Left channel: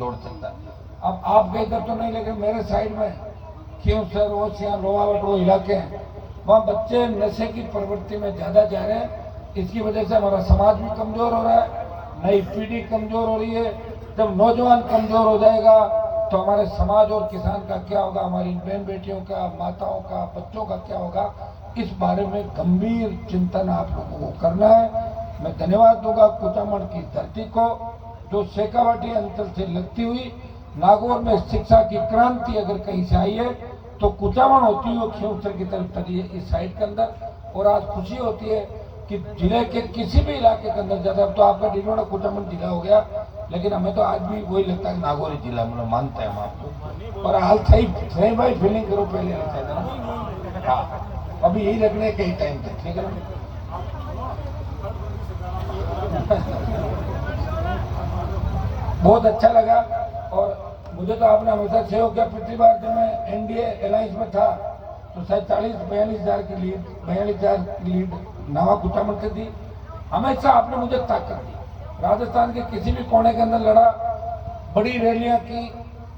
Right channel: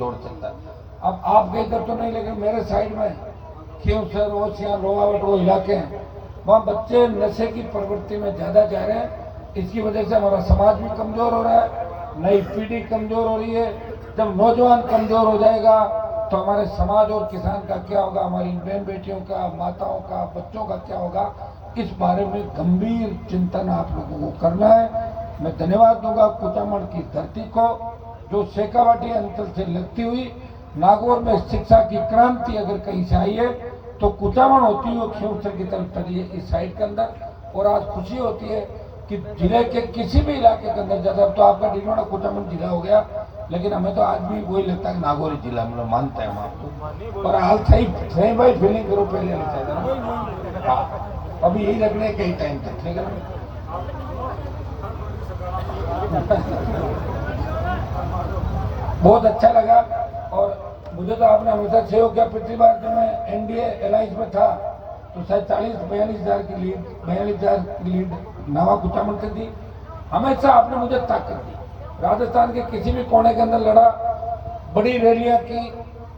जोड़ सकता है। अब आप गए तक तो नहीं, लेकिन मेरे साइड में खीवसर रोसिया लोहावट वो इलाके हैं, वहाँ बच्चे नशे की प्रवृत्ति में ज्यादा जा रहे हैं। इसकी वजह से हमारा समाज भी कमजोर हो रहा है, नई पीढ़ी कमजोर हो रही है। जब नौजवान कमजोर हो जाएगा तो हमारे समाज और किसान का क्या होगा, हमारी बहन बेटियों का, माताओं का, बच्चों का क्या होगा, इस बारे में गंभीर चिंतन आप लोगों को करना है। मैं धन्यवाद दूंगा कुचामन की धरती को, जो शेखावाटी अंचल से लगती हुई नागौर में शिक्षा की क्रांति अगर कहीं से आई है तो कुचामन होती हुई खीवसर की तरफ चली है इस साइड के अंदर। और आज खुशी होती है कि जिले के किसी भी इलाके के अंदर ज्यादा, अब तो आपका डिंडोरा कुचामन जिला हो गया, लेकिन हमें तो आज भी वही लगता है नागौर जिला में, मानते हैं हम आपको। पर हाल सही भाई फीलिंग करो पहले। हाँ, अभी यही रखने कई टाइम तक, ठीक है। बहुत अच्छा लगा। और मुझे तो आपने हमेशा सहयोग किया। पिछली बार जब मैं एनडीए एलायंस में था तो शायद 42,000 की लीड नवा कुचामन से थी। हमेशा आपने मुझे ताकत दी। राजस्थान के किसी भी कोने के अंदर लड़ा, बड़ी रैलियां की,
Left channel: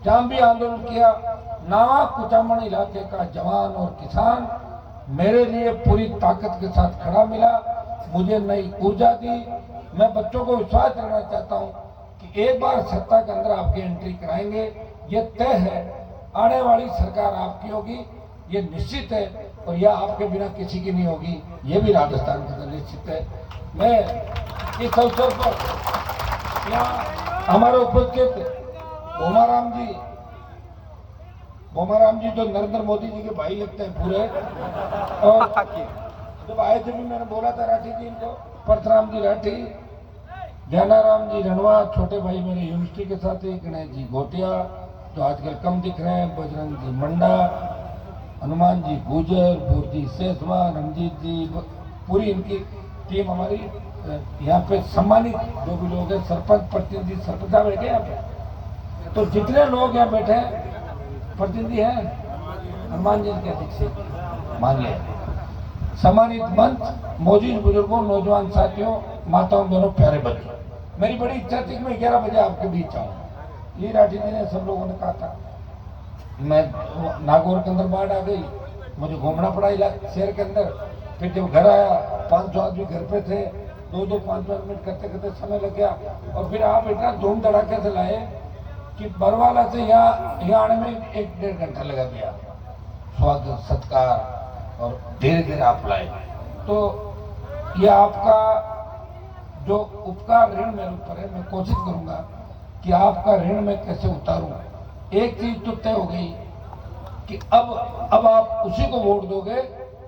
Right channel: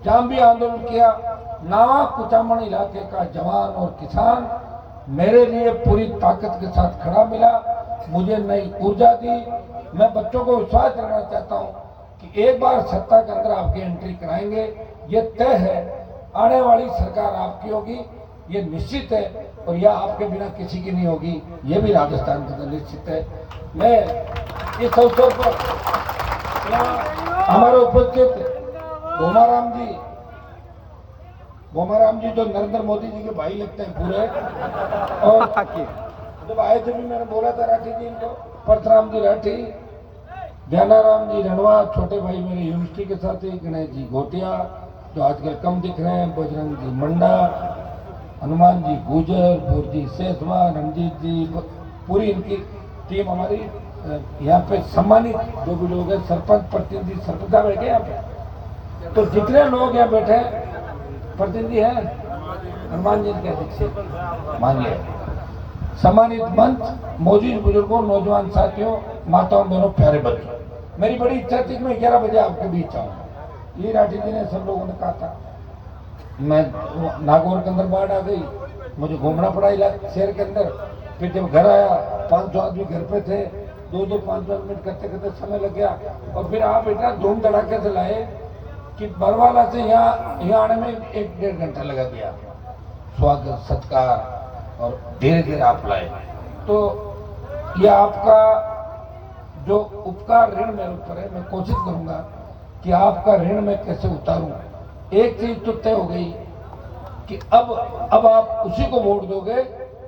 जहां भी आंदोलन किया, नवा कुचामन इलाके का जवान और किसान मेरे लिए पूरी ताकत के साथ खड़ा मिला, मुझे नई ऊर्जा दी। मैं बच्चों को विश्वास करना चाहता हूं कि एक बार सत्ता के अंदर आपकी एंट्री कराएंगे, ये तय है। आने वाली सरकार आपकी होगी, ये निश्चित है, और यह आपके बिना किसी की नहीं होगी, ये भी राजस्थान के अंदर निश्चित है। मैं इस अवसर पर हमारे उपस्थित भोमाराम जी जो नरेंद्र मोदी जी के भाई लगते हैं पूरे, और जब आए थे भी मैंने बोला था राठी जी इनको, परशुराम जी राठी, ज्ञानाराम जी रणवा, छोटे भाई मेरे यूनिवर्सिटी के साथी गणेश जी घोटिया जो आजकल कम दिख रहे हैं, बजरंग जी मंडा, हनुमान जी गुजर, भूर जी शेषवान, रणजीत जी, पूरी इनकी टीम हमारी यहाँ पे सम्मानित जो भी लोग हैं, सरपंच प्रतिनिधि सर्वदा बैठे यहाँ पे, तो जितने लोग यहाँ बैठे प्रतिनिधि हैं हनुमान जी के अध्यक्ष मानिए, सम्मानित मंच, मौजूद बुजुर्गों, नौजवान साथियों, माताओं, बहनों, प्यारे बच्चों, मेरी बड़ी इच्छा थी कि मैं 11 बजे आपके बीच आऊँ। ये राठी जी ने सब लोगों ने कहा था। मैं नागौर के अंदर बाढ़ आ गई, मुझे घूमना पड़ा शहर के अंदर। फिर जब घर आया 500 आदमी घर पे थे, 5-5 मिनट करते करते समय लग गया। और फिर आप इतना धूम धड़ाके से लाए कि बरवाला से यहाँ आने में 1-1.5 घंटा लगा दिया। स्वागत सत्कार और धीरे धीरे आप लाए। तो यह आपका जो उपकार ऋण मेरे ऊपर है, मैं कोशिश करूंगा कि आपका ऋण मैं कैसे उतारूं। एक चीज तो तय हो गई कि अब आप उसी को वोट दोगे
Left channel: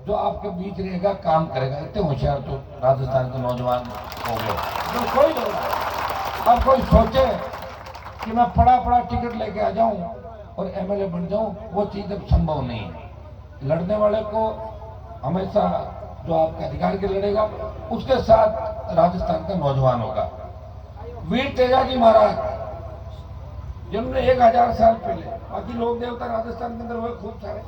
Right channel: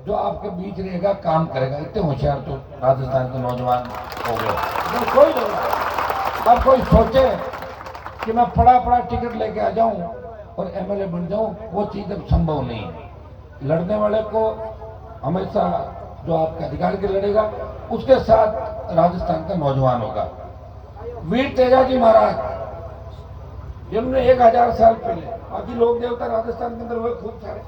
जो आपके बीच रहेगा, काम करेगा। इतने होशियार तो राजस्थान के नौजवान हो गए। अब कोई सोचे कि मैं पड़ा टिकट लेके आ जाऊं और एमएलए बन जाऊं, वो चीज अब संभव नहीं है। लड़ने वाले को हमेशा जो आपका अधिकार के लड़ेगा, उसके साथ राजस्थान का नौजवान होगा। वीर तेजाजी महाराज जिन्होंने 1000 साल पहले, बाकी लोक देवता राजस्थान के अंदर हुए खूब सारे,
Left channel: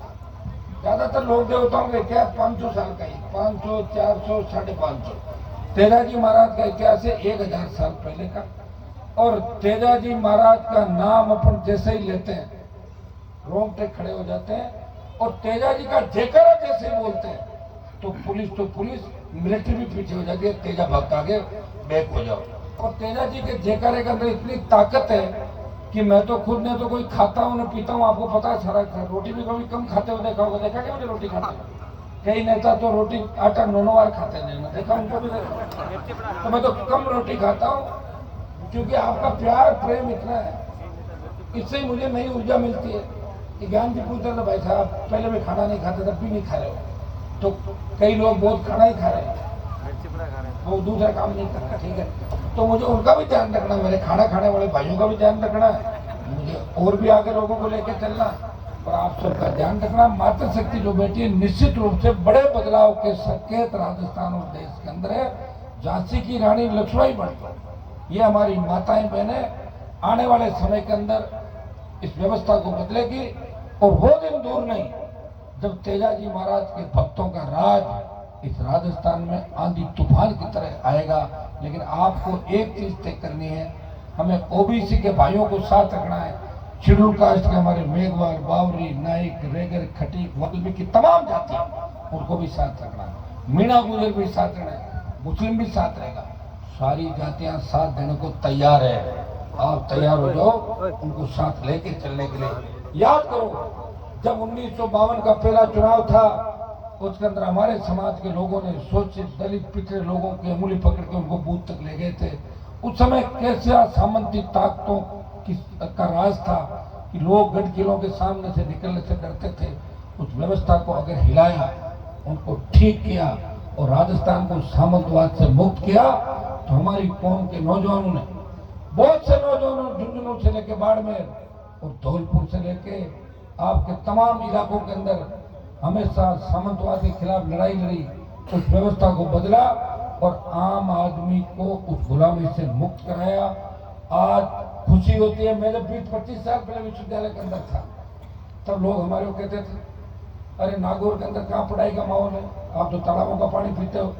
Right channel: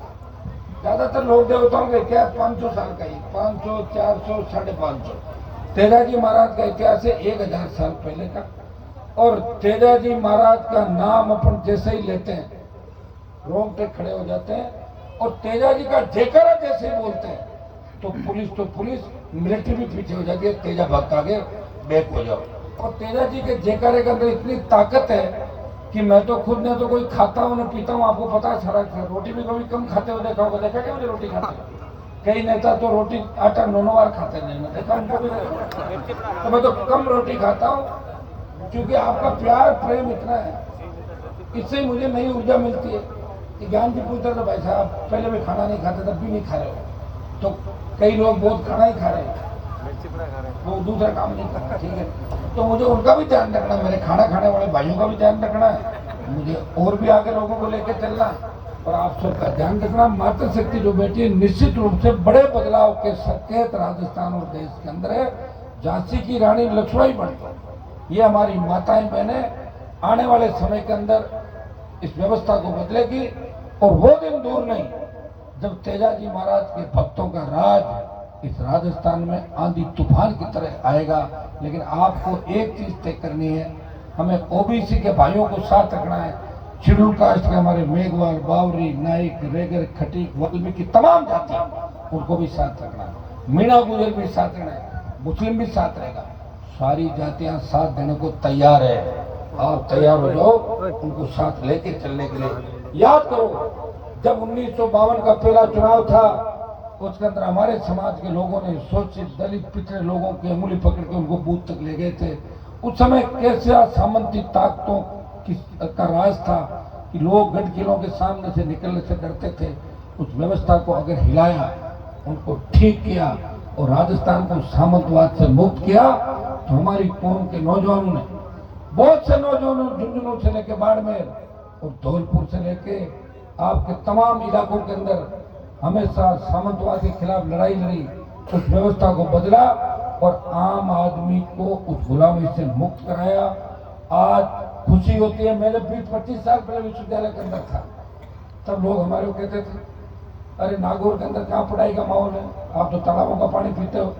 ज्यादातर लोक देवताओं का इतिहास 500 साल का ही, 500, 400, 550। तेजाजी महाराज का इतिहास है 1000 साल पहले का। और तेजाजी महाराज का नाम अपन जैसे ही लेते हैं रोंगटे खड़े हो जाते हैं। और तेजाजी का जयकारा जैसे ही बोलते हैं तो पुलिस मिलिट्री भी पीछे हो जाती है, तेजा भक्त आगे बैक हो जाओ। और तेजाजी के जयकारे के अंदर इतनी ताकत है कि मैं तो खुद ने तो कोई खाता हूँ न पीता हूँ, आपको पता है सारा। रोटी भी कभी कम खाते हो देखा होगा, देखा क्या मुझे रोटी खाते हो? कई नेता तो रोटी आटा 9 बार खाते नहीं, मैं देखा उनको भी। तो मैं तो कम रोटी खाता हूँ, क्योंकि आपका प्यार प्रेम इतना है, इससे मुझे नई ऊर्जा मिलती है। कि ज्ञान भी पूछता था भाई साहब पहले भी खाना नहीं खाते, तब भी नहीं खा रहे हो। तो कई लोग बहुत खाना ही खा रहे हैं, वो दूसरा काम नहीं करता, ठीक है। तो मुझे उनका भी ध्यान रखना, मेरे खाना खाने वाले भाइयों का भी ध्यान रखना है, मुझे और भी आगे लोगों को लेकर चलना, और आप सबका ध्यान रखना। मातृशक्ति जो बैठी है निश्चित रूप से बड़े बदलाव के संकेत राजस्थान और देश के अंदर है। झांसी की रानी लक्ष्मीबाई बनकर ये हमारी माताएं बहनें आने वाले समय के अंदर इस व्यवस्था को बदलेगी। और वो दिन दूर नहीं जब तेजाजी महाराज के भक्तों का राज इस राजस्थान में आंधी तूफान की तरह आएगा। लेकिन आपको एक चीज तय करनी है हमें ओबीसी के भाइयों को साथ रखना है। शेड्यूल कास्ट के हमारे मेघवाल, बावरी, नाइक, रेगर, खटीक, वाल्मीकि तमाम जातियां, उनको भी साथ रखना है। मीना गुजर भी साथ रहेगा, मुस्लिम भी साथ रहेगा। सारी जातियां साथ देने को तैयार है और तैयार हो जाओ उनको साथ लेके चलने के लिए। याद करो जब 1952 का पहला चुनाव था, उसके अंदर हमारे समाज के लोगों ने शोषित दलित पिछड़े लोगों की अंगुली पकड़ के उनको बूथ तक ले गए थे। उस समय कैसे सामंती ताकतों का राज था कि लोग गढ़ किलों के सामने से निकलने से डरते थे। उस व्यवस्था को अगर हिलाया, उनको ठीक किया और राजस्थान को सामंतवाद से मुक्त किया, तो हमारी कौम के नौजवानों ने, बहुत से नौजवानों, झुंझुनू से लेके बाड़मेर और धौलपुर से लेके आपके तमाम इलाकों के अंदर हमेशा सामंतवाद के खिलाफ लड़ाई लड़ी, उस व्यवस्था को बदला और आम आदमी को उस गुलामी से मुक्त कराया। आज खुशी होती है। मैं जब 20-25 साल पहले विश्वविद्यालय के अंदर था, तब लोग हमारे को कहते थे, अरे नागौर के अंदर कहाँ पढ़ाई का माहौल है, आप तो तालाबों का पानी पीते हो।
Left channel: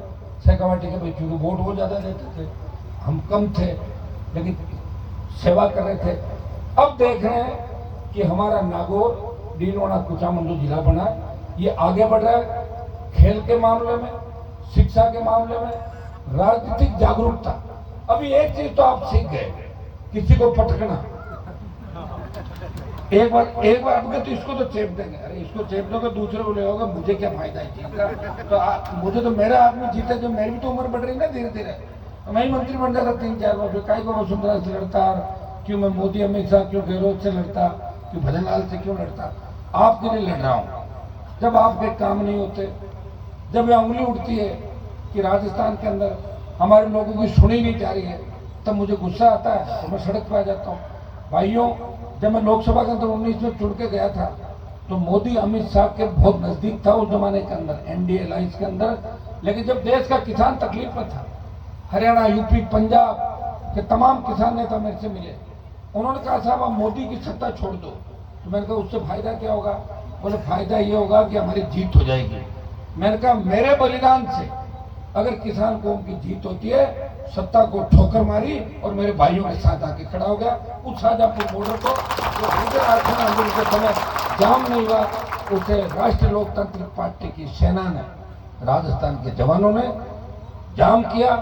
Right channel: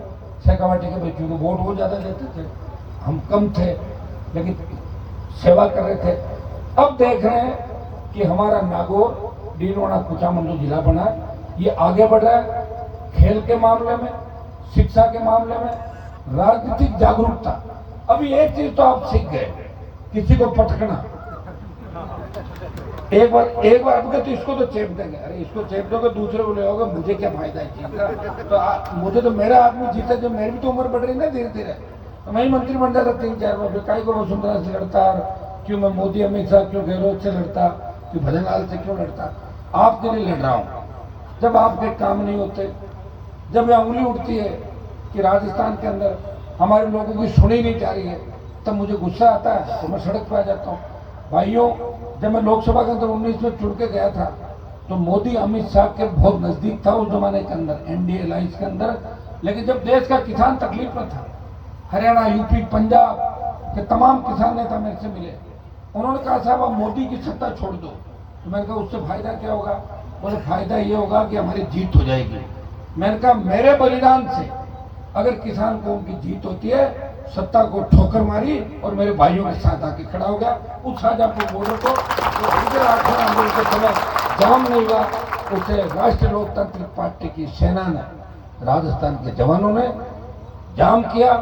शेखावाटी के बच्चों को वोट वो ज्यादा देते थे, हम कम थे लेकिन सेवा कर रहे थे। अब देख रहे हैं कि हमारा नागौर डीनोना कुचामंडू जिला बना, ये आगे बढ़ रहा है। खेल के मामले में, शिक्षा के मामले में, राजनीतिक जागरूकता। अभी एक चीज तो आप सीख गए, किसी को पटकना। एक बार अब तो इसको तो चेप देंगे, अरे इसको चेप दोगे दूसरे को ले आओगे, मुझे क्या फायदा है चीज का। तो मुझे तो मेरा आदमी जीता, जो मेरी भी तो उम्र बढ़ रही ना धीरे धीरे। तो मैं ही मंत्री बनता था 3-4 बार, कई को वसुंधरा से लड़ता, क्यों मैं मोदी अमित शाह, क्यों गहलोत से लड़ता, क्यों भजनलाल से क्यों लड़ता। आपके लिए लड़ रहा हूँ। जब आपके काम नहीं होते, जब यह उंगली उठती है कि राजस्थान के अंदर हमारे लोगों की सुनी नहीं जा रही है, तब मुझे गुस्सा आता है, तो मैं सड़क पर आ जाता हूँ। भाइयों, जब मैं लोकसभा के अंदर 19 में चुन के गया था, तो मोदी अमित शाह के बहुत नजदीक था उस जमाने के अंदर, एनडीए अलायंस के अंदर। लेकिन जब देश का किसान तकलीफ में था, हरियाणा, यूपी, पंजाब के तमाम किसान नेता मेरे से मिले, उन्होंने कहा साहब आप मोदी की सत्ता छोड़ दो। तो मैंने कहा उससे फायदा क्या होगा? बोले फायदा ये होगा कि हमारी जीत हो जाएगी। मैंने कहा मेरे बलिदान से अगर किसान कौम की जीत होती है, सत्ता को ठोकर मारी और मेरे भाइयों के साथ आके खड़ा हो गया। उस शाहजहांपुर बॉर्डर को जवान नहीं हुआ, उसे राष्ट्रीय लोकतांत्रिक पार्टी की सेना ने, राजस्थान के जवानों ने जाम किया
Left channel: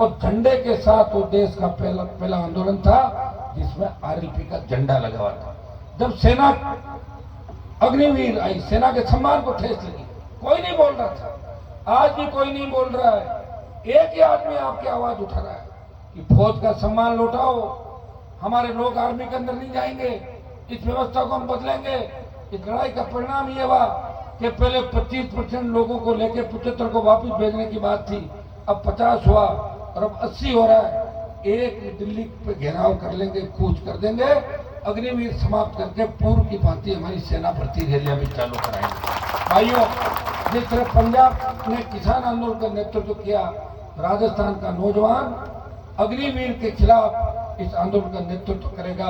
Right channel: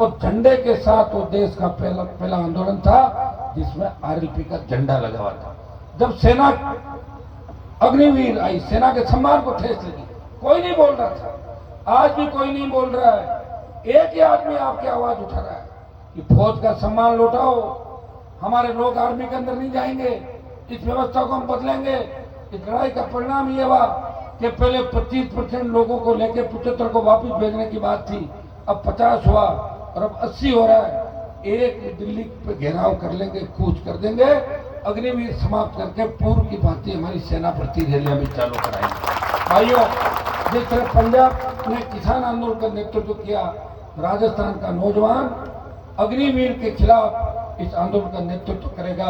और झंडे के साथ वो देश का पहला आंदोलन था जिसमें आरडीपी का झंडा लगा हुआ था। जब सेना अग्निवीर आई, सेना के सम्मान को ठेस लगी, कोई नहीं बोल रहा था। आज भी कोई नहीं बोल रहा है। एक ही आदमी आपकी आवाज उठा रहा है कि फौज का सम्मान लौटाओ, हमारे लोग आर्मी के अंदर नहीं जाएंगे, इस व्यवस्था को हम बदलेंगे। इस लड़ाई का परिणाम ये हुआ कि पहले 25% लोगों को लेकर 75 को वापस भेजने की बात थी, अब 50 हुआ और अब 80 हो रहा है। एक दिल्ली पे घेराव कर लेंगे, कूच कर देंगे, अग्निवीर समाप्त करके पूर्व की भांति हमारी सेना भर्ती रैलियां भी चालू कराएंगे। भाइयों, जिस तरह पंजाब ने किसान आंदोलन का नेतृत्व किया, राजस्थान का नौजवान अग्निवीर के खिलाफ इस आंदोलन का नेतृत्व करेगा।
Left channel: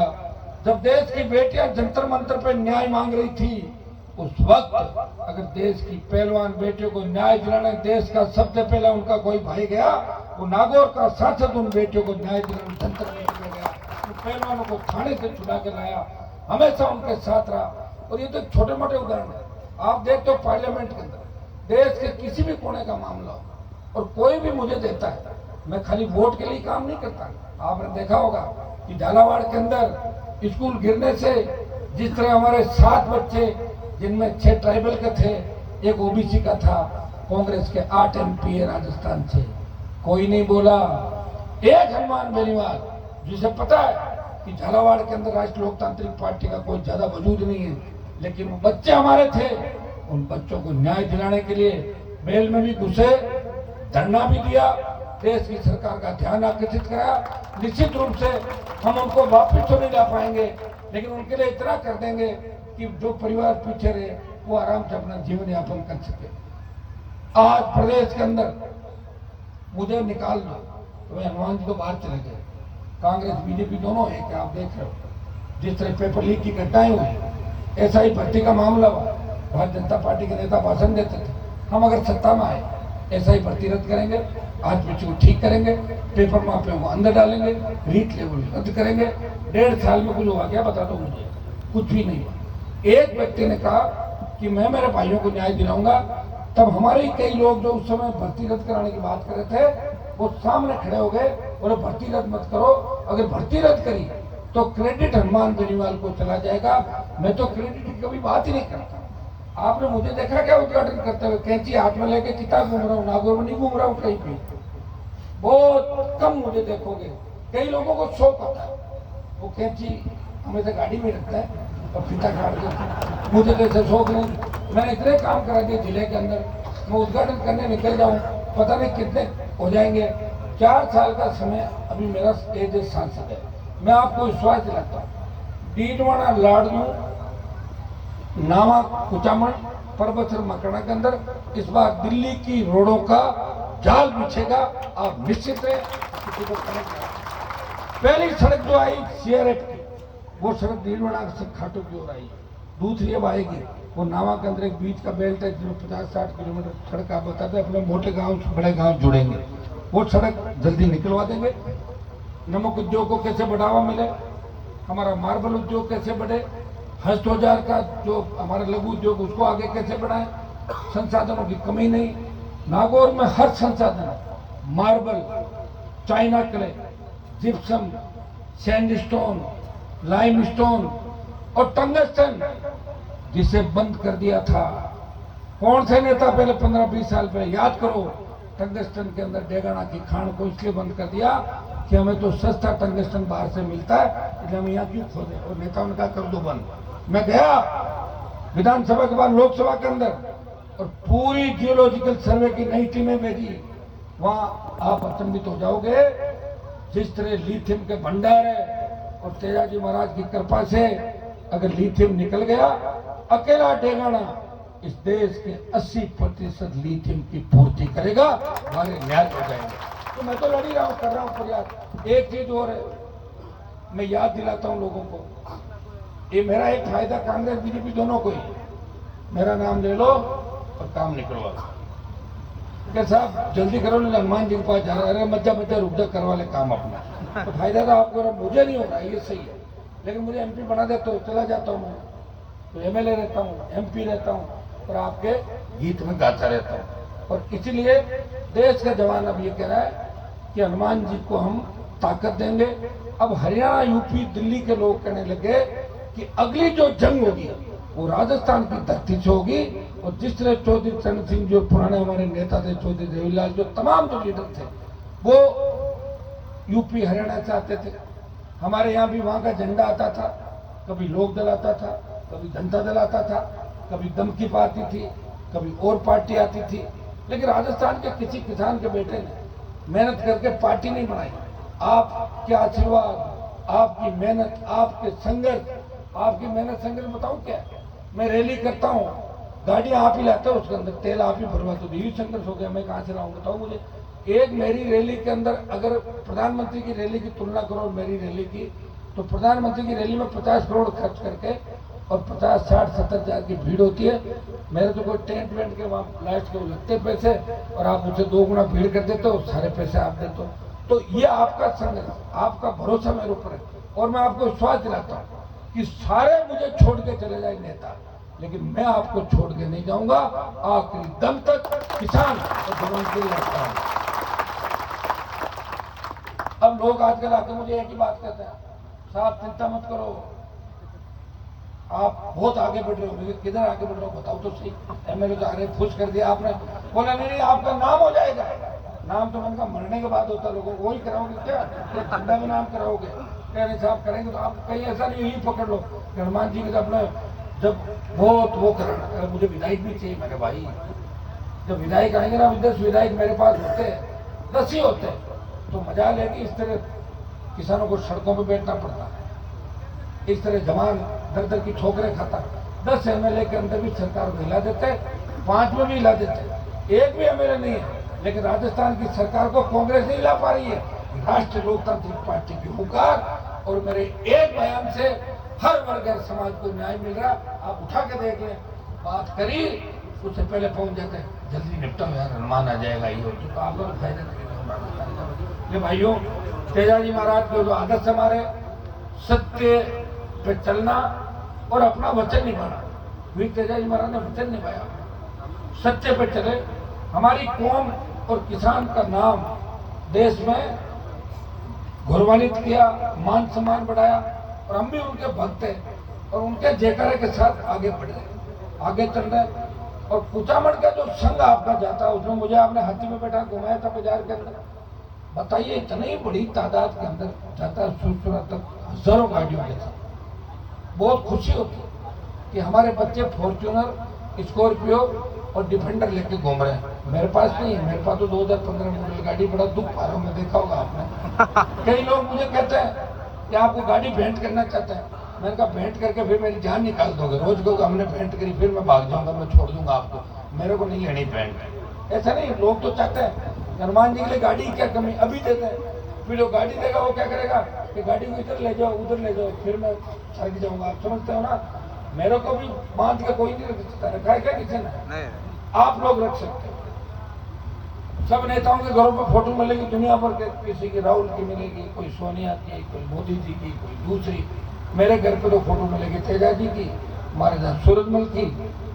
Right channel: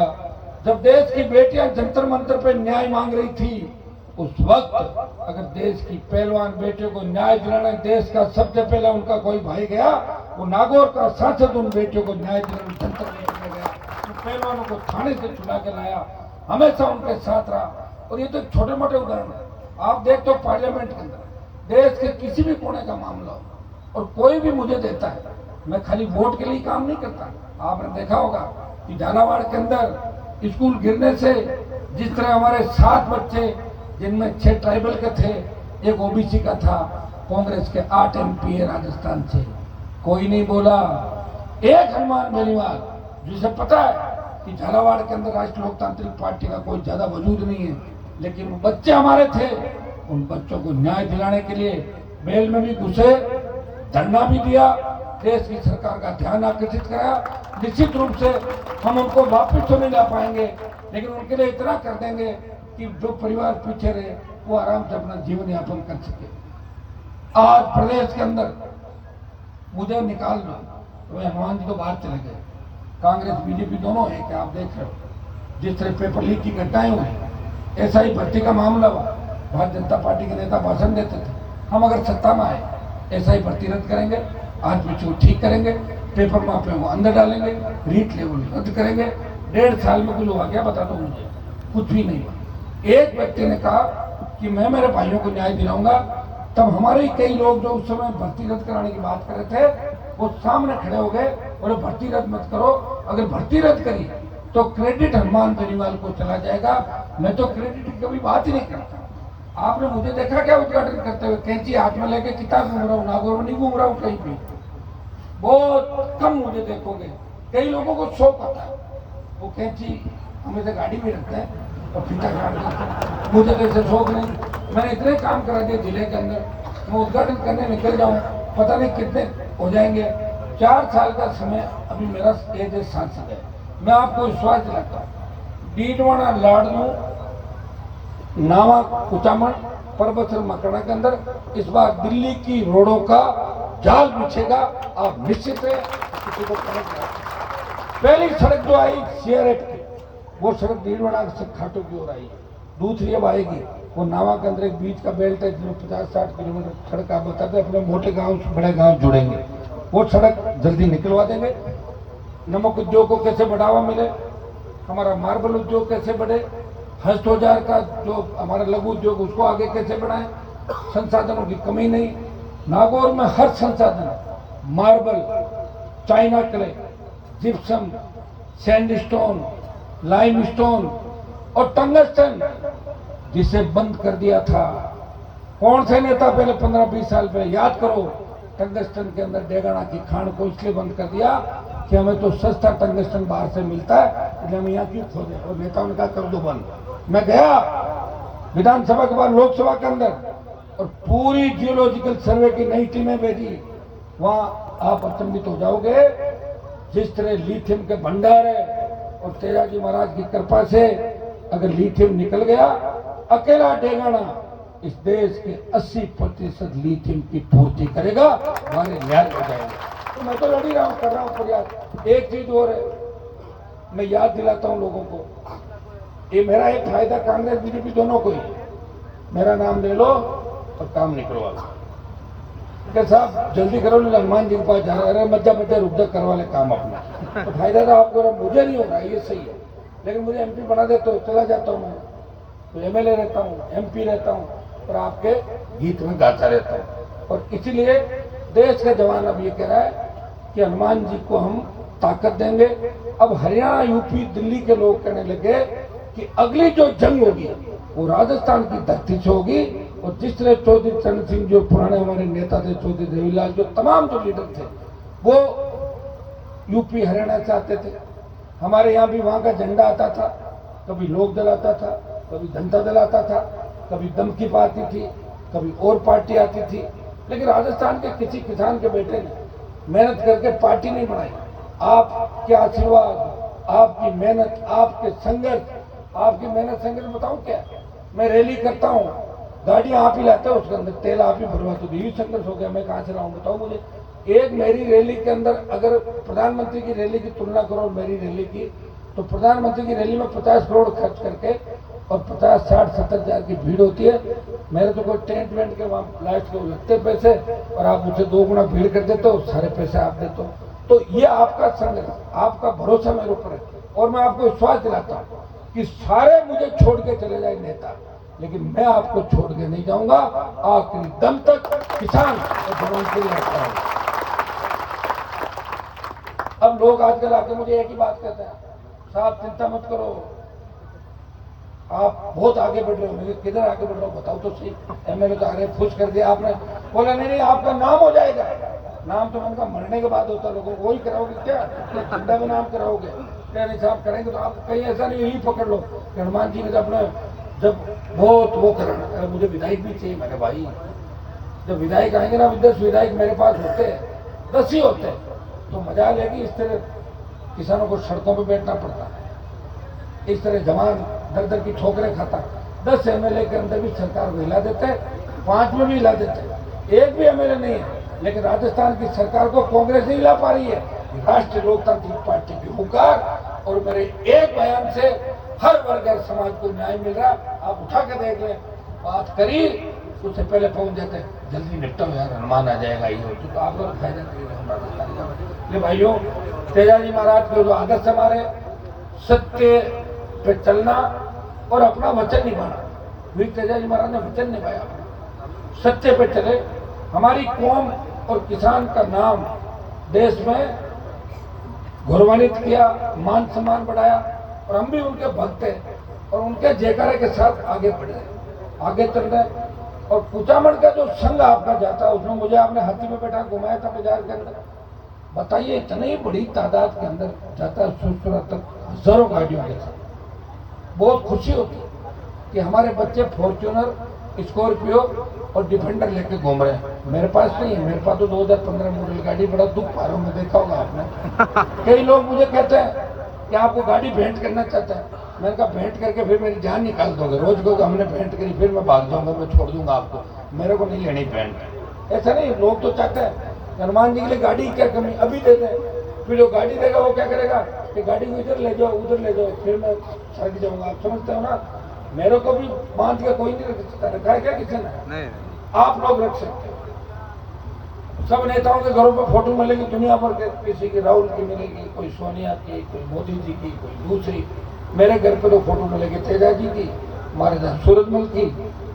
जब देश की बेटियां जंतर मंतर पे न्याय मांग रही थी, उस वक्त अगर देश की पहलवान बेटियों को न्याय दिलाने देश का सबसे पहला उनका कोई भाई गया, वो नागौर का सांसद उन बेटियों को न्याय दिलाने जंतर में गया, तो पहलवानों को थाने से चुना के लाया, हमेशा उनके साथ रहा। और ये तो छोटे मोटे उदाहरण है। आप देखते हो पार्लियामेंट के अंदर देश के किसी भी कोने का मामला हो और कोई भी मुझे देता है, मैं खाली वोट के लिए काम नहीं करता। आपने देखा होगा कि झालावाड़ के अंदर स्कूल गिरने से जिस तरह हमारे 7 बच्चे, जिनमें 6 ट्राइबल के थे, एक ओबीसी का था, कांग्रेस के 8 एमपी राजस्थान से, कोई नहीं बोला। एक हनुमान बेनीवाल, जिसे पता है कि झालावाड़ के अंदर राष्ट्रीय लोकतांत्रिक पार्टी का कोई ज्यादा वजूद नहीं है, लेकिन वो बच्चे हमारे थे, उन बच्चों को न्याय दिलाने के लिए बेल में भी घुसे, धरना भी दिया, देश की सरकार का ध्यान आकर्षित कराया। निश्चित रूप से हम उनको वापस तो नहीं ला पाएंगे, लेकिन उनके लिए इतना कर देंगे कि जो परिवार पीछे रहे वो आराम से अपना जीवन यापन कर सके। आज प्रदेश के अंदर मुझे निकालना, तो हनुमान जी तो बाहर चले गए, कांग्रेस बीजेपी दोनों है कि आप देख रहे हो जिस तरह पेपर लीक की घटनाएं हुई, ऐसा ही भर्ती का मामला हुआ, भारतीय जनता पार्टी के नेता भाषण देते थे, हम अगर सत्ता में आए ऐसा ही भर्ती रद्द करेंगे। आरपीसी को ठीक करेंगे, पेपर माफिया को अंदर डालेंगे, रीट लेवल रद्द करेंगे। 1.5 साल में कुछ हुआ क्या बता दो मुझे? कुछ भी नहीं। एक व्यक्ति ने कहा कि मैं मेरे भाइयों को न्याय दिलाऊंगा, तब हमारे ही कई लोग जो उस समय भर्ती रद्द कराने की बात कर रहे थे वो सामने खड़े हो गए, बोले भर्ती रद्द मत करो, अगर भर्ती रद्द करी तो क्रेडिट हनुमान बेनीवाल को चला जाएगा। मैं तो क्रेडिट की कभी बात ही नहीं करता। आपने मुझे देखा क्या उद्घाटन करते हुए? कैंची हाथ में लेके किताब घूम रहा हूँ, नागौर में नहीं घूम रहा हूँ कहीं भी। बहुत कम मुझे देखोगे। कई लोगों को शौक होता है, वो कैंची हमेशा गाड़ी में रखते हैं और फीता काट देते हैं। मुझे तो ऐसा शौक नहीं। मैंने इतने काम करा दिए जिले के अंदर, मैं उद्घाटन करने निकल जाऊँ पता नहीं कितने हो जाएंगे। 4 साल का समय अभी मेरा एज है, सांसद है। मैं आपको विश्वास दिलाता हूँ, डीडवाना लाडनू नावा कुचामन परबतसर मकड़ा के अंदर इस बार दिल्ली की रोडों का जाल बिछेगा। आप निश्चित है किसी को पहली सड़क जो आई सीआरएफ की, वो सड़क डीडवाना से खाटू की ओर आई। दूसरी अब आएगी, वो नावा के अंदर एक बीच का बेल्ट है जिसमें 50-60 किलोमीटर सड़क आप बताते अपने मोटे गांव से बड़े गांव जुड़ेंगे। वो सड़क जल्दी निकलवा देंगे। नमक उद्योग को कैसे बढ़ावा मिले, हमारा मार्बल उद्योग कैसे बढ़े, हस्तौजार का जो हमारा लघु उद्योग उसको आगे कैसे बढ़ाएं। संसाधनों की कमी नहीं। नागौर में हर संसाधन, marble, China clay, gypsum, sandstone, limestone और टंगस्टन, जिसे बंद कर दिया था। कौन से नेता पहले 15-20 साल पहले, याद करो, टंगस्टन के अंदर डेगाना की खान को इसलिए बंद कर दिया कि हमें तो सस्ता टंगस्टन बाहर से मिलता है, इसलिए हम यहाँ क्यों खोले। और नेताओं ने कहा कर दो बंद। मैं गया विधानसभा के बाद लोकसभा के अंदर और पूरी जियोलॉजिकल सर्वे की नई टीमें भेजी। वहां आप अचंभित हो जाओगे, जिस तरह लिथियम के भंडार है और तेजाजी महाराज की कृपा से अगर लिथियम निकल गया, अकेला डेगाना इस देश के 80% लिथियम की पूर्ति करेगा, हमारे न्याय हो जाएंगे। तो मैं तो लड़ी रहा हूँ, कर रहा हूँ प्रयास। एक चीज और है, मैं याद दिलाता हूँ लोगों को, ये मेरा एक फायदा कांग्रेस बीजेपी दोनों को ही, मेरा नाम ले लो और काम निकलवा लो। साहब जल्दी करो ना, हनुमान जी के पास जा रहा है, मध्य रुक जा, करवा ले काम अपना। तो फायदा तो आपको रहा, मुझे नहीं हो रहा, ये सही है। लेकिन मुझे एमपी बना दे तो चला जाता हूँ मैं, तो एमएलए रहता हूँ, एमपी रहता हूँ और आपके गीत में गाता रहता हूँ। और इसीलिए देश का जवान अब ये कह रहा है कि हनुमान जी को हम ताकत देंगे। अब हरियाणा, यूपी, दिल्ली के लोग कहने लगे कि अगली जो जंग होगी वो राजस्थान की धरती से होगी। और जिस तरह चौधरी चरण सिंह जो पुराने हमारे नेता थे, चौधरी देवीलाल, जो तमाम जो लीडर थे वो यूपी हरियाणा से आते थे। हमारे यहाँ भी वहाँ का झंडा आता था, कभी लोक दल आता था, कभी जनता दल आता था, कभी दम की पार्टी थी, कभी और पार्टी आती थी। लेकिन राजस्थान के किसी किसान के बेटे ने मेहनत करके पार्टी नहीं बनाई। आपके आशीर्वाद, आपकी मेहनत, आपके संघर्ष, आपकी मेहनत संघर्ष बताऊं क्या? मैं रैली करता हूँ, गाड़ी आप ही लाते हो, उसके अंदर तेल आप ही भरवाते हो, यही संघर्ष हो गया। मैं कहाँ से लाऊं बताओ मुझे। एक मेरी रैली के अंदर अगर प्रधानमंत्री की रैली की तुलना करो मेरी रैली की, तो प्रधानमंत्री की रैली में 50 करोड़ खर्च करके और 50, 60, 70 हजार की भीड़ होती है। मेरे तो कोई टेंट वेंट के वहाँ लाइट को लगते पैसे, और आप मुझे 2 गुना भीड़ कर देते हो, सारे पैसे आप देते हो। तो ये आपका संघर्ष, आपका भरोसा मेरे ऊपर है। और मैं आपको विश्वास दिलाता हूँ कि सारे मुझे छोड़ के चले जाए नेता, लेकिन मैं आपको छोड़ के नहीं जाऊंगा। आखिरी दम तक किसान और भगवान के लिए लड़ता है। अब लोग आजकल आके मुझे एक ही बात कहते हैं, साहब चिंता मत करो, आप बहुत आगे बढ़ रहे हो। मुझे किधर आगे बढ़ रहा हो बताओ तो सही। एमएलए तो आगे खुश कर दिया आपने, बोला नहीं आपका नाम हो जाएगा। नाम तो उनका मरने के बाद होता है, लोगों को वही कराओगे क्या? जिंदा में नाम कराओगे? नहीं साहब करेंगे तो आप कहीं ऐसा नहीं, यही पकड़ लो हनुमान जी के अपने जब बहुत वो कराना। मुझे विधायक भी चाहिए मेरे भाई, जब विधायक आएंगे ना, 10 विधायक मेरे पास होते हैं, 10 ही होते हैं, तो मजा लेगी। इस तरह किसानों को सड़कों पर बैठना पड़ता है, इस तरह जवान दर दर की ठोकरें खाता। 10 एमएलए के अंदर भी सरकार को हिला देते हैं, 5 में भी हिला देते हैं, एक भी एमएलए नहीं है। लेकिन राजस्थान की सरकार को कांग्रेस नहीं ला पा रही है। राष्ट्रीय लोकतांत्रिक पार्टी की हुकार और मेरे एक बयान से हर वर्ग और समाज को न्याय मिल रहा। आप उठा के देख लें, बात करी उससे पहले पहुंच जाते हैं, जल्दी निपटाओ यार, हनुमान आ जाएगा ये हो, तो आप लोग फायदा नहीं। ये भाइयों, तेजाजी महाराज के जो आदर्श हमारे, सत्य पे चलना और अपना वचन निभाना, वीर तेजाजी महाराज ने वचन निभाया, सत्य पे चले, हमारी कौम और किसान का नाम देश में गौरवान्वित किया, मान सम्मान बढ़ाया, और हम भी उनके भक्त हैं और उनके जयकारे के साथ आगे बढ़े, आगे चल रहे। और कुचामन का जो संघ आपका जाता है, उसमें मुझे आपने हाथी में बैठा घुमाया था बाजार के अंदर, बताइए इतनी बड़ी तादाद के अंदर जाता है, सूरत तक हजारों गाड़ियों के साथ। बहुत खुशी होती है कि हमारे बच्चे फॉर्च्यूनर, स्कॉर्पियो और डिफेंडर लेके घूम रहे हैं। मेरे पास नहीं है, मेरे पास तो 2015 मॉडल गाड़ी, बड़ा दुख पा रहा हूँ मैं, देखा होगा आपने। कई लोग मुझे कहते हैं कि आपको गाड़ी भेंट करना चाहते हैं। मैंने कहा भेंट करके फिर मेरी जान निकाल दोगे, रोज को हमने भेंट करी फिर मैं भाग जाऊंगा, मैं छोड़ दूंगा आपको, मेरे को नहीं लेनी भेंट। ऐसा नहीं, लोग तो चाहते हैं हनुमान जी के लिए गाड़ी क्या कमी, अभी देते हैं, फिर जो गाड़ी देगा वो क्या करेगा कि गाड़ी को इधर ले जाओ उधर ले जाओ, फिर मैं सड़क जाऊंगा। आप समझते हो ना, मेरे को भी बांध के कोई नहीं रखा है क्या किसी ने, आप लोग रख सकते हो। सब नेताओं के घरों पर फोटो मिलेगी दुनिया भर के, किसी की राहुल की मिलेगी, कोई सोनिया की, कोई मोदी जी की, कोई दूसरी। मेरे घर पर तो फोटो मिलेगी तेजाजी की, हमारे यहाँ सूरजमल की,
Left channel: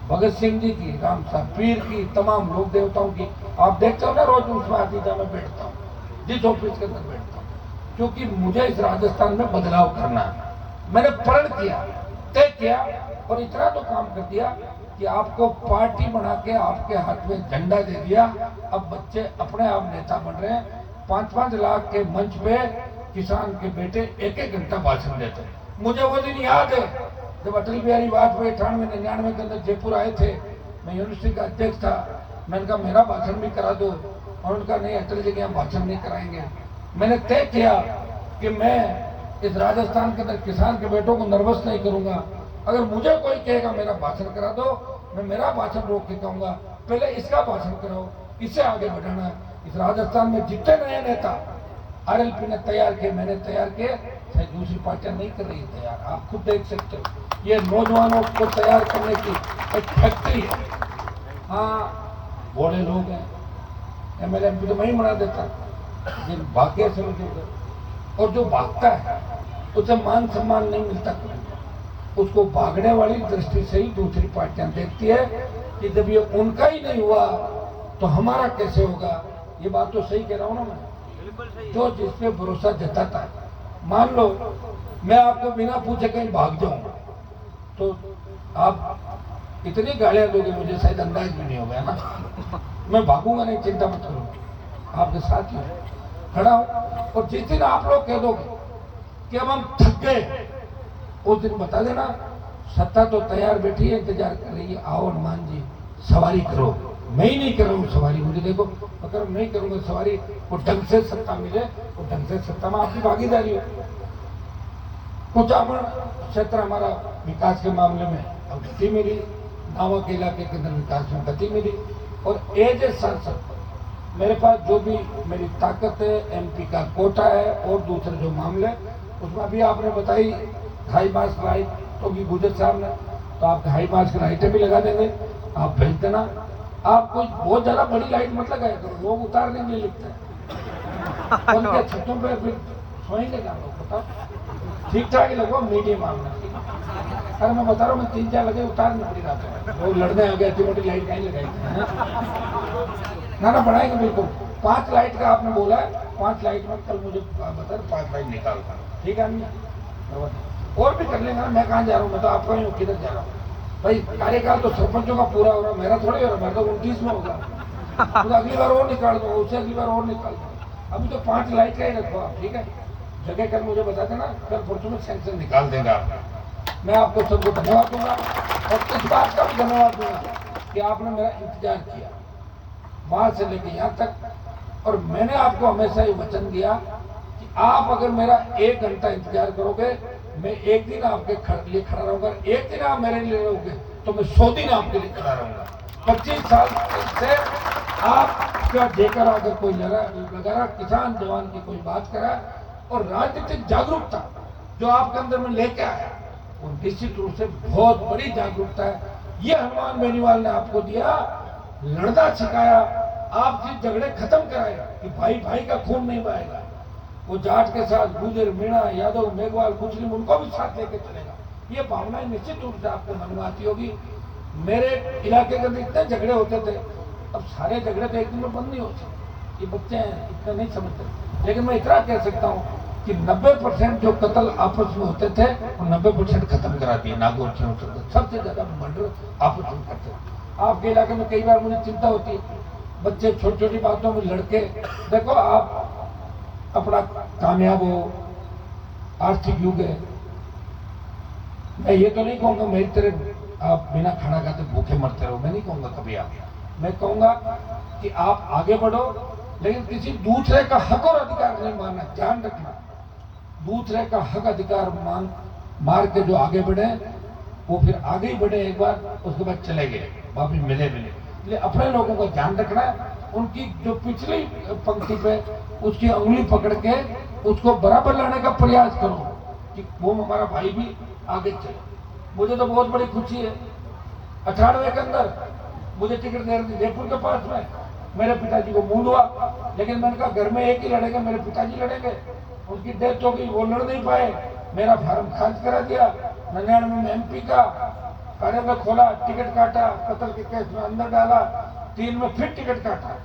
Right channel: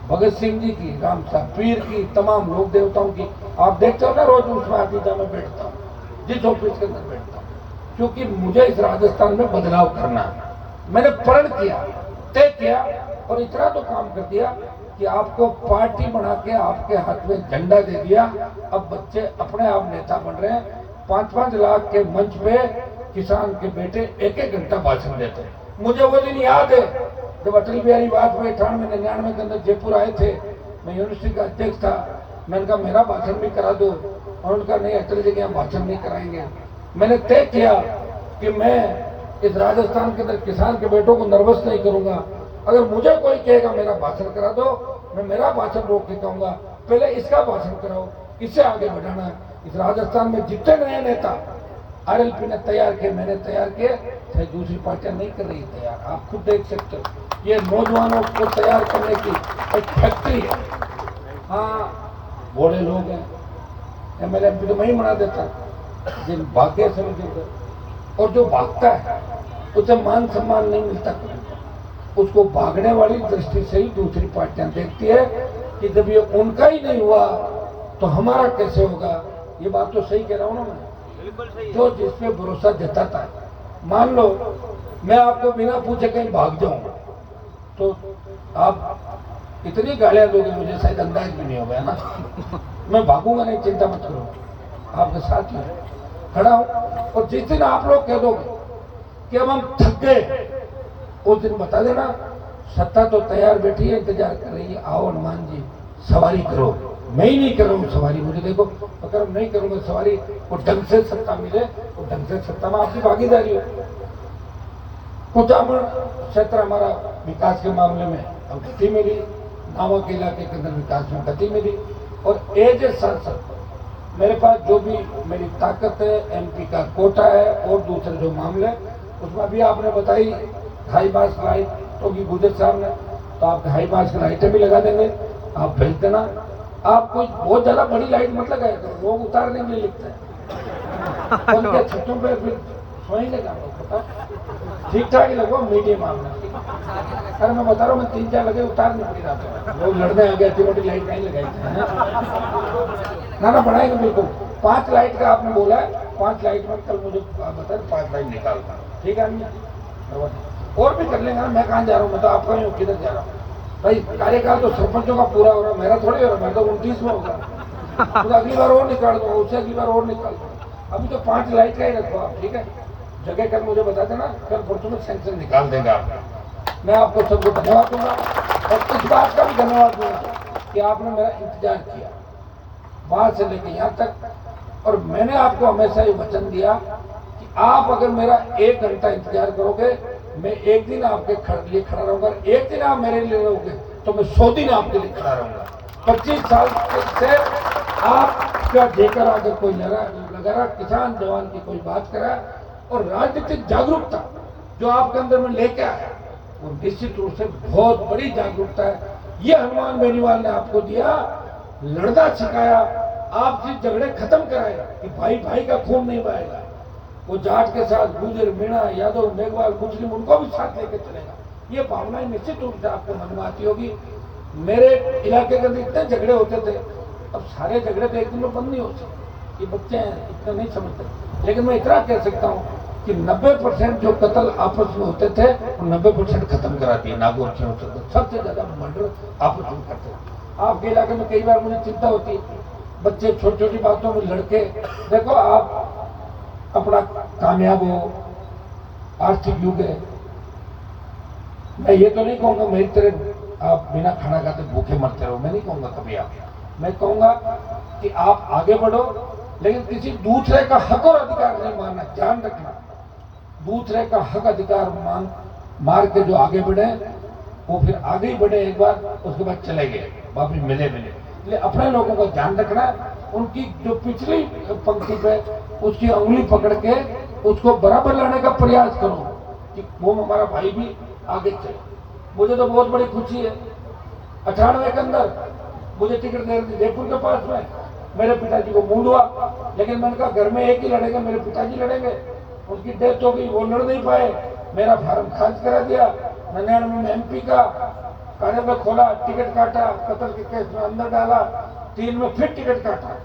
भगत सिंह जी की, राम साहब पीर की, तमाम लोक देवताओं की। आप देखते हो ना रोज उसमें आदीजा में बैठता हूँ, जिस ऑफिस के अंदर बैठता हूँ, क्योंकि मुझे इस राजस्थान में बदलाव करना है। मैंने प्रण किया, तय किया और इतना तो काम कर दिया कि आपको पार्टी बना के आपके हाथ में झंडा दे दिया। अब बच्चे अपने आप नेता बन रहे हैं। 5-5 लाख के मंच पे किसान के बेटे 1-1 घंटा भाषण देते हैं। मुझे वो दिन याद है जब अटल बिहारी वाजपेयी 98-99 के अंदर जयपुर आए थे, मैं यूनिवर्सिटी का अध्यक्ष था। मैंने कहा मेरा भाषण भी करा दो, और उनका नहीं, अटल जी के यहाँ भाषण नहीं कराएंगे। मैंने तय किया कि मैं इस राजस्थान के अंदर किसान के बेटों को नर्वस नहीं करूंगा। अगर मुझे कोई कहेगा मेरा भाषण करा दो, मैं मेरा भाषण रोक के कहूंगा पहले इसका भाषण कराओ, इसे आगे बढ़ाना है। इस राजस्थान में जितने नए नेता आरएलपी ने तैयार किए, मैंने तैयार किए, चाहे दूसरी पार्टियां नहीं कर रही तैयार, आप खुद देख सकते हो। ये नौजवानों को तैयार करने की एक फैक्ट्री है। हाँ, बड़े लोग हैं, एमएलए तो मैं ही मना देता जिन भाग्य से, और जो भागता है उसे मान सम्मान नहीं मिलता, उसको भागने वाली दृष्टि से ही दूसरी पार्टियां देखती है कि जब ये उनका ही नहीं हुआ तो हमारा कैसे होगा। ये बात तो सही कह रहा हूं ना मैं, जो जिस पे भरोसा जताता है। मान लो मैं आपको बिना पूछे कहीं भाग जाऊं तो आप इतनी गालियां दोगे मुझे, शायद अंदाज भी नहीं होगा ना। मैं भागूंगा नहीं, चिंता मत करो, आपके साथ ही खड़ा हूं। और जिस दिन आप लोग कह दोगे कि अब हम थक गए, उस दिन बता देना सत्ता तो तैयार बैठी है, इंतजार कर रही है, आओ हनुमान जी सवारी करो। मैं ही नहीं कर रहा हूँ सवारी, मुझे देखो, अगर हम नहीं करूंगा सवारी, वो ढंग से सत्ता मिले, वो ढंग से सत्ता में आपकी भागीदारी हो। कुचामन क्षेत्र हमारा विकास के मामले में अब गति मिली, नावा के इलाके के अंदर विकास में गति मिली। और एज ए सांसद मेरे पास जो भी मेरी ताकत है, एमपी का कोटा है और दूसरे जो मामले, उसमें भी आपने बताई हाई मास्क लाइट तो भी गुजर साहब ने, तो आप हाई मास्क लाइटें भी लगा देंगे, आप भेज देना। आप कोई बहुत ज्यादा बड़ी लाइट मत लगाए, तो लोग उतार देंगे लिखते हैं उनके छतों पे, फिर सोएंगे ना, ठीक ठाक लगो, मीडियम आना। अरे मैं बता रहा हूँ, मैं 3-4 लगे उतार नहीं पड़ी रहा, लोग लड़ने आ गए, इतनी बड़ी लाइट नहीं लगाई थी ना बढ़ाएंगे बिल्कुल। 5 लाइट का आपने बोला है, 5 लाइट में कल मुझे बताए 5 लाइट निकालना, ठीक है। और भी कर लेंगे, मैं कहाँ जा रहा हूँ, मैं तो आपका ही किधर जा रहा हूँ भाई। कार्यकाल तो सरपंचों का पूरा हो रहा है, मेरा थोड़ी हो रहा है, मैं तो 29 में होगा, तो अगली बार और निकाल दूंगा, उससे अगली बार और निकाल दूंगा। अभी तो 5 लाइट का ही रखो आप, ठीक है। जगह कर मुझे बता देना, कल परसों में सैंक्शन निकाल देगा, मैं आपको सबको धन्यवाद दूंगा। और इस बात का भी धन्यवाद दूंगा कि आपने मेरा इंतजार किया वहां से लेकर यहाँ तक। और मैंने आपको हमेशा ये वचन दिया कि आप अगर मेरा 1 घंटा इंतजार करोगे, मैं एक दिन आपके लिए खड़ा रहूंगा। एक दिन आप मेरे लिए रहोगे तो मैं 100 दिन आपके लिए खड़ा रहूंगा। 25 साल से आपका जेकर अगर कोई लगा रहा, किसान जवान की कोई बात करा, और राजनीतिक जागरूकता जो आपके अंदर में लेके आया, और निश्चित रूप से बहुत बड़ी जागरूकता है। ये हनुमान बेनीवाल ने आपको दिया, लड़ना सिखाया, आपसी झगड़े खत्म कराए कि भाई भाई का खून नहीं बहाएगा। वो जाट के साथ गुजर, मीणा, यादव, मेघवाल, मुस्लिम उनको भी साथ लेकर चलेगा। ये भावनाएं निश्चित रूप से आपको मन में आती होगी। मेरे इलाके के इतने झगड़े होते थे, अब सारे झगड़े तो एक दिन में बंद नहीं होते, ये बच्चे हैं इतना नहीं समझते। लेकिन मैं इतना कह सकता हूँ कि 90% जो कत्ल आपस में होते थे, 90% खत्म करा दिए नागौर के होते थे। सबसे ज्यादा मर्डर आपस में करते। आपके इलाके में कई बार मुझे चिंता होती है, बच्चे छोटी छोटी बातों में लड़के। देखो आप अपना कामयाब हो, आर्थिक युग है, मैं ये तो नहीं कहूंगा मेरी तरह आप बिना खाना खाते भूखे मरते रहो, मैं नहीं कहूंगा कभी आप। मैं कहूंगा कि आप आगे बढ़ो, लेकिन किसी दूसरे का हक और अधिकार नहीं मारना। ध्यान रखना, दूसरे का हक अधिकार मार के जो आगे बढ़े वो फिर आगे ही बढ़े एक बार, उसके बाद चले गए वापिस मिले। इसलिए अपने लोगों का ध्यान रखना, उनकी जो पिछली पंक्ति पे उसकी उंगली पकड़ के उसको बराबर लाने का प्रयास करो कि वो हमारा भाई भी आगे चले। मुझे तो बहुत बड़ी खुशी है, 98 के अंदर मुझे टिकट दे जयपुर के पास में, मेरे पिताजी को मूड हुआ, लेकिन मैंने कहा घर में एक ही लड़ेंगे, मेरे पिताजी लड़ेंगे। उनकी डेथ हो गई, वो लड़ नहीं पाए, मेरा फार्म खारिज करा दिया। 99 में MP का कार्यालय खोला, टिकट काटा, कत्ल के केस में अंदर डाला, 3 में फिर टिकट काटा।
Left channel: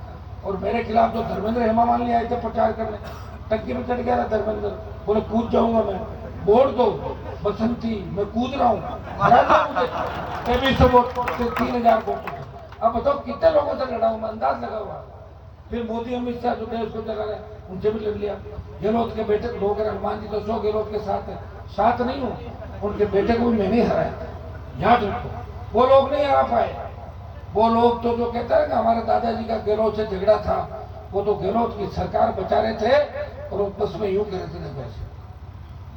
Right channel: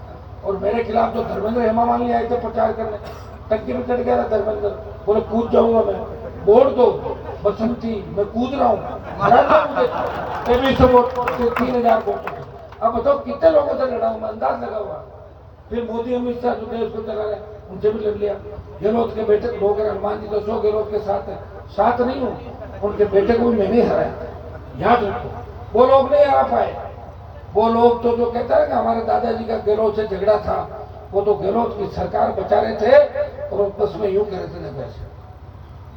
और मेरे खिलाफ जो धर्मेंद्र हेमा मालिनी आए थे प्रचार करने, टंकी में चढ़ गया था धर्मेंद्र, बोले कूद जाऊंगा मैं, वोट दो बसंती, मैं कूद रहा हूँ, हरा दो मुझे, तभी सब 3000 वोट। अब बताओ कितने लोगों से लड़ा हूं, अंदाज लगा हुआ। फिर मोदी अमित शाह जो देश को चला रहे, उनसे भी लड़ लिया। गहलोत के बेटे को हनुमान जी तो 100 गहलोत के साथ है, साथ नहीं हूँ, उनके बेटे को भी मैंने हराया। याद रखो, वो लोग नहीं आ पाए। वो लोग तो जो कहता है कि हमारे दादाजी का गहलोत से झगड़ा था, वो तो गहलोत की सरकार बचा रहे थे और बस में यूं कहते थे पैसे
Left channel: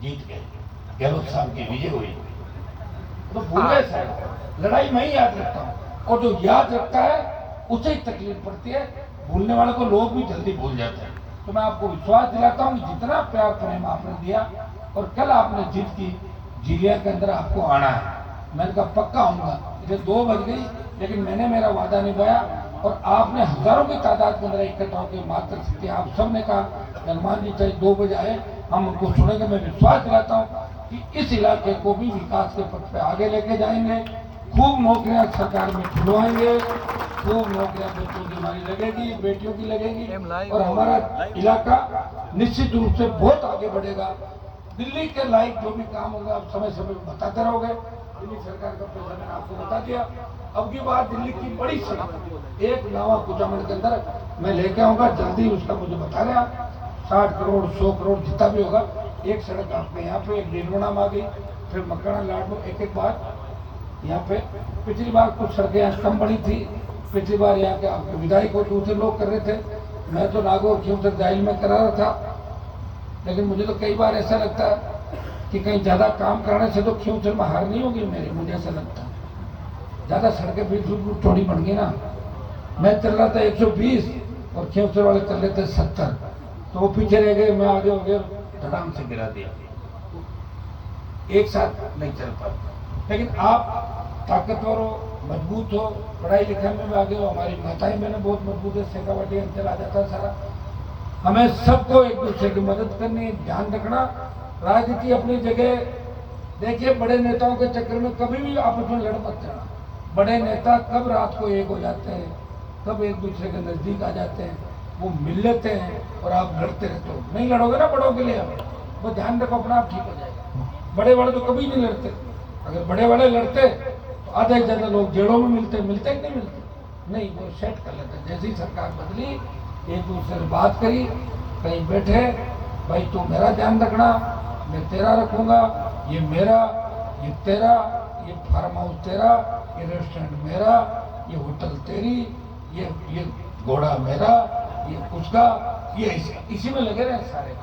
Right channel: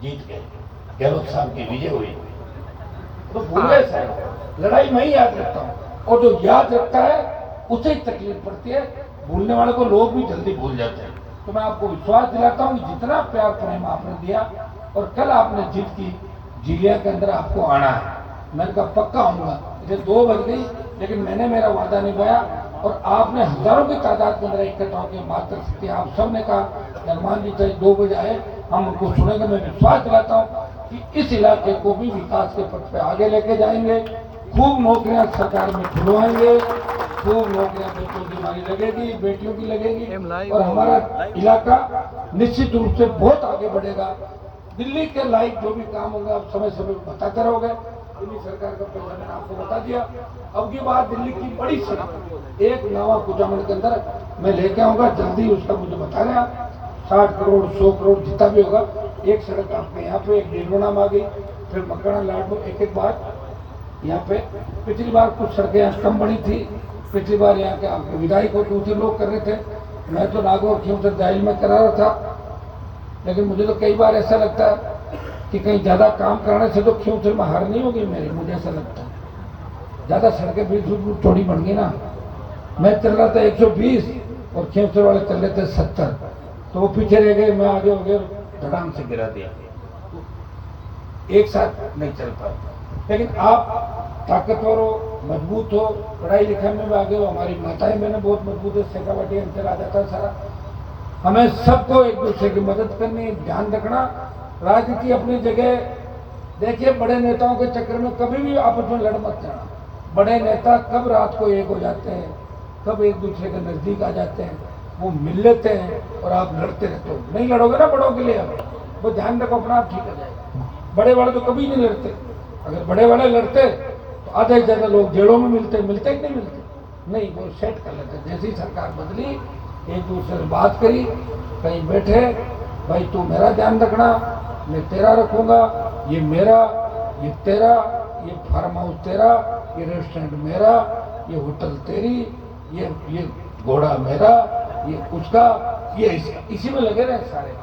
जीत गए, गहलोत साहब की विजय हुई। तो भूल गए साहब, लड़ाई मैं ही याद रखता हूँ, और जो याद रखता है उसे ही तकलीफ पड़ती है, भूलने वाले को लोग भी जल्दी भूल जाते हैं। तो मैं आपको विश्वास दिलाता हूँ, जितना प्यार प्रेम आपने दिया, और कल आपने जिद की जिलिया के अंदर आपको आना है, मैंने कहा पक्का आऊंगा। मुझे 2 बज गई, लेकिन मैंने मेरा वादा निभाया, और आपने हजारों की तादाद में मेरा इकट्ठा होकर बात कर सकती है। आप सब ने कहा हनुमान जी चाहे 2 बजे आए, हम उनको सुनेंगे। मैं विश्वास दिलाता हूँ कि इस इलाके को भी विकास के पथ पे आगे लेके जाएंगे, खूब नौकरियां सरकार में खुलवाएंगे, खूब नौकरियां बच्चों की हमारी लगेगी, बेटियों की लगेगी, और हमारा इलाका निश्चित रूप से बहुत आगे बढ़ेगा। दिल्ली के लायक जो भी काम होंगे आप समय समय बताते रहोगे। दिल्ली सरकार का पैसा मैंने आपको बता दिया। अब की बात दिल्ली की बड़ी सड़क एक नवा कुचामन के अंदर मैं लेके आऊंगा, जल्दी उसका मुझे बता रहे आप, 60 करोड़ 100 करोड़ जितना भी होगा। एक सड़क आपके यहाँ पे, एक डेढ़ोना में आ गई, फिर मकड़ा लाट में एक बार यहाँ पे। पिछली बार कुछ सड़कें यहाँ कम बनी थी, पिछली बार यहाँ के आपके विधायक को दूसरे लोग कर रहे थे, मैं तो नागौर क्यों से जाइल में करा रहा था। लेकिन मुझे तो कई बार ऐसा लगता है कि कहीं ज्यादा काम करने से तो क्यों फिर में हार नहीं होगी मेरी, मुझे ऐसा लगता है। ज्यादा सड़कें बीच थोड़ी बन गई ना, मैं चल रहा था 120 और खेमसे वाले चल रहे थे 70, तो वो पीछे रह गए, मैं आगे हो गए, धड़ाम से गिरा दिया। एक साथ नहीं चलता। लेकिन आप ताकतवर हो, मजबूत हो, पढ़ाई लिखाई में भी आगे हो, हमारी माताएं बहनें बहुत मजबूत है, शेखावाटी अंचल आ जाता है सारा। हमें सबको एक दूसरे की मदद करनी, ध्यान रखना। राजनीति अपनी जगह, देखिए बड़े नेताओं के चक्कर में कभी भी आपस में लड़ मत जाना। बड़े नेता कब रात को एक हो जाते हैं, कब एक दूसरे के नजदीक आ जाते हैं, वो मिल लेते हैं और आप लड़ते रहते हो। नहीं लड़ोगे ना बड़ों के लिए, वो ध्यान रखो, अपना आप ठीक हो जाएगा। बड़े वाले तो कभी नहीं लड़ते, अगर बड़े वाले लड़ते तो आधे से ज्यादा लोग जेलों में मिलते कि नहीं मिलते, नहीं, वो सेट कर लेते। जैसी सरकार बदली, एक दूसरे से बात करी, कहीं बैठे, भाई तू मेरा ध्यान रखना, मैं तेरा रखूंगा, ये मेरा, ये तेरा, ये फार्म हाउस तेरा, ये रेस्टोरेंट मेरा, ये होटल तेरी, ये घोड़ा मेरा, ये उसका, ये इसी में लगे रहे सारे।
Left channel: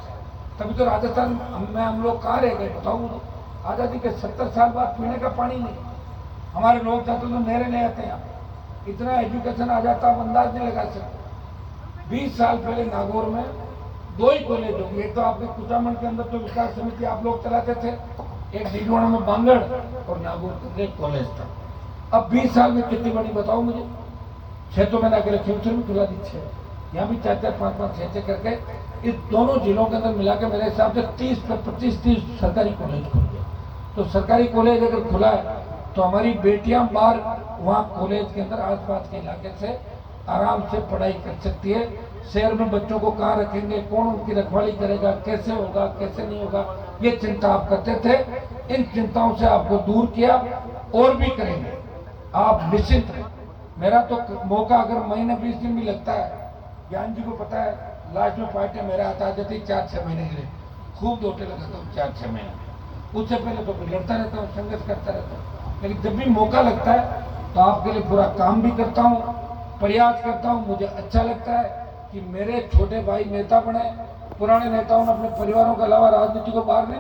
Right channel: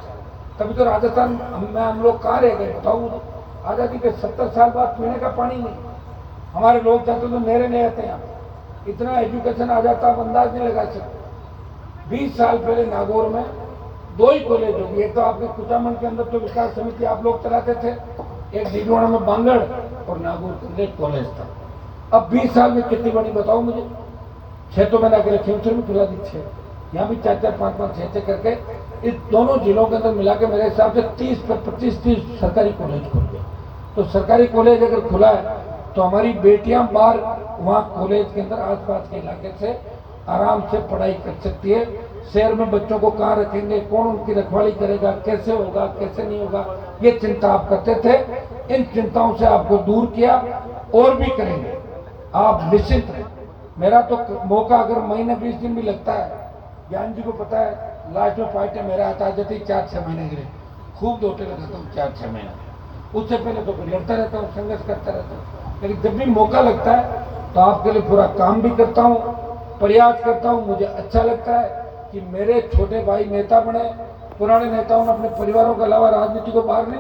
तभी तो राजस्थान में हम लोग कहाँ रह गए बताऊँ। आजादी के 70 साल बाद पीने का पानी नहीं, हमारे लोग चाहते तो मेरे ले आते हैं। इतना एजुकेशन आ जाता, आप अंदाज नहीं लगा सकते। 20 साल पहले नागौर में 2 ही कॉलेज होगी, एक तो आपके कुचामन के अंदर तो विकास समिति आप लोग चलाते थे, एक डीडवाड़ा में बांगड़ और नागौर के अंदर कॉलेज था। अब 20 साल में कितनी बनी बताओ मुझे। 6 तो मैंने आगे रखे फिर भी खुला दी 6, यहाँ भी 4-4, 5-5, 6-6 करके इस दोनों जिलों के अंदर मिला के मेरे हिसाब से 30 सरकारी कॉलेज खुल गए। तो सरकारी कॉलेज अगर खुला है तो हमारी बेटियां बाहर वहाँ कॉलेज के अंदर आसपास के इलाके से आराम से पढ़ाई कर सकती है। शहर में बच्चों को कहाँ रखेंगे, कौन उनकी रखवाली करेगा, कैसे होगा कैसे नहीं होगा, ये चिंता आप करते थे। इन चिंताओं से आपको दूर किया और भी करेंगे, आप निश्चिंत रहें। मेरा तो मौका अगर महीने 20 दिन भी लगता है, ज्ञान जी को पता है, लास्ट में पार्टी मेरे हाथ आ जाती 4-6 महीने के लिए, खूब दौड़ते रहता हूँ 4-6 महीने। उससे पहले तो लड़ता रहता हूँ, संघर्ष करता रहता हूँ, लेकिन जब भी मौका लगता है तो आपके लिए पूरा काम भी करता हूँ, प्रयास करता हूँ। मुझे अच्छा लगता है कि मेरे छोटे भाई नेता बने। पुराने नेताओं ने अपने परिवारों के अलावा राजनीति को बाहर नहीं